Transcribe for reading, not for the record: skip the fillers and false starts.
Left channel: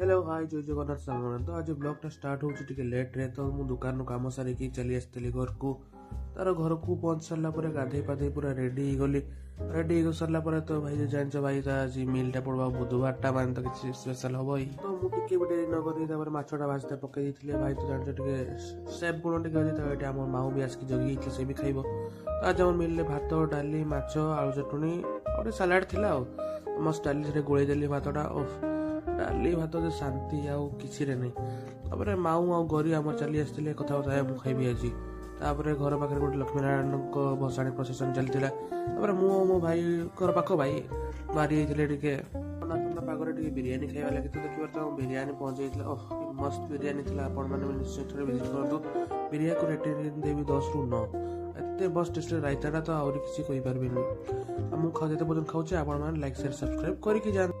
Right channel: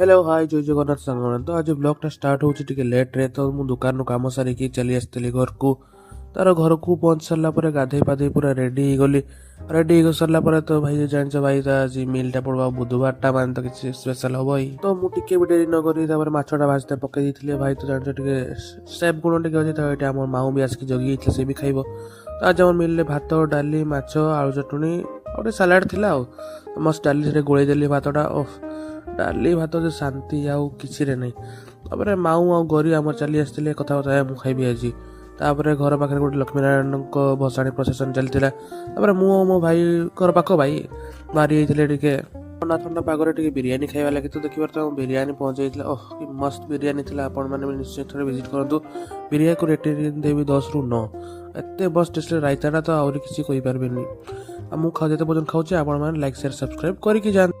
Hello hi जय जगन्नाथ सांगण तो आज ब्लॉगटा स्टार्ट होची टिके लेट रे तो मु दुकान नु काम सारिकी चली आसली घर को तार घर को पहुंच सारा पर गाधे पाधे पूरा रेडी गली रेडी हो सारा पर तो भाई जान भाई तो आज मिलटा पड़वा बुधवार टा मान तो किसी स्पेशल हम ही तो मु टिके भी डेरी न करी तापर माछटा भाजते पकई देथिले भाई तो जान टिके सेफ गुण टिके अछि तो एटा हमर माऊ भी आसकी जगी इतले से भी खाइबो तो आज हमर मिलले भात डाली माछ आलू चटनी और सलाड थिला मस्त डाली से गोळै देली भातटा ओफ डाली भात जो शांति आउ किसी नहीं तापर माऊ आउ गरी आम चली आसते कथा मु खाइबी आज तापर घर पाखे गोटे लक्ष्मीनारायण भसाणी प्रसेसन चलता मु मो भाई घर पाख भाई बाहरी टे ठंडा ठंडा पागरे टे बिरियानी खाଇବା लगे तो देखिए तो बिरियानी पहुंचाई ओह कि मस्त बिरियानी थी आपण मैंने निश्चय थोड़े विजिट करूँ बिरियानी को रेटिंग देवी 10 ରୁ 9 एत बस टेस्ट रायताटा तो आहरी किसी कही पारे मुझे पर्यटन खाऊे आपण मैंने लाइक शेयर सब्सक्राइब करके जान।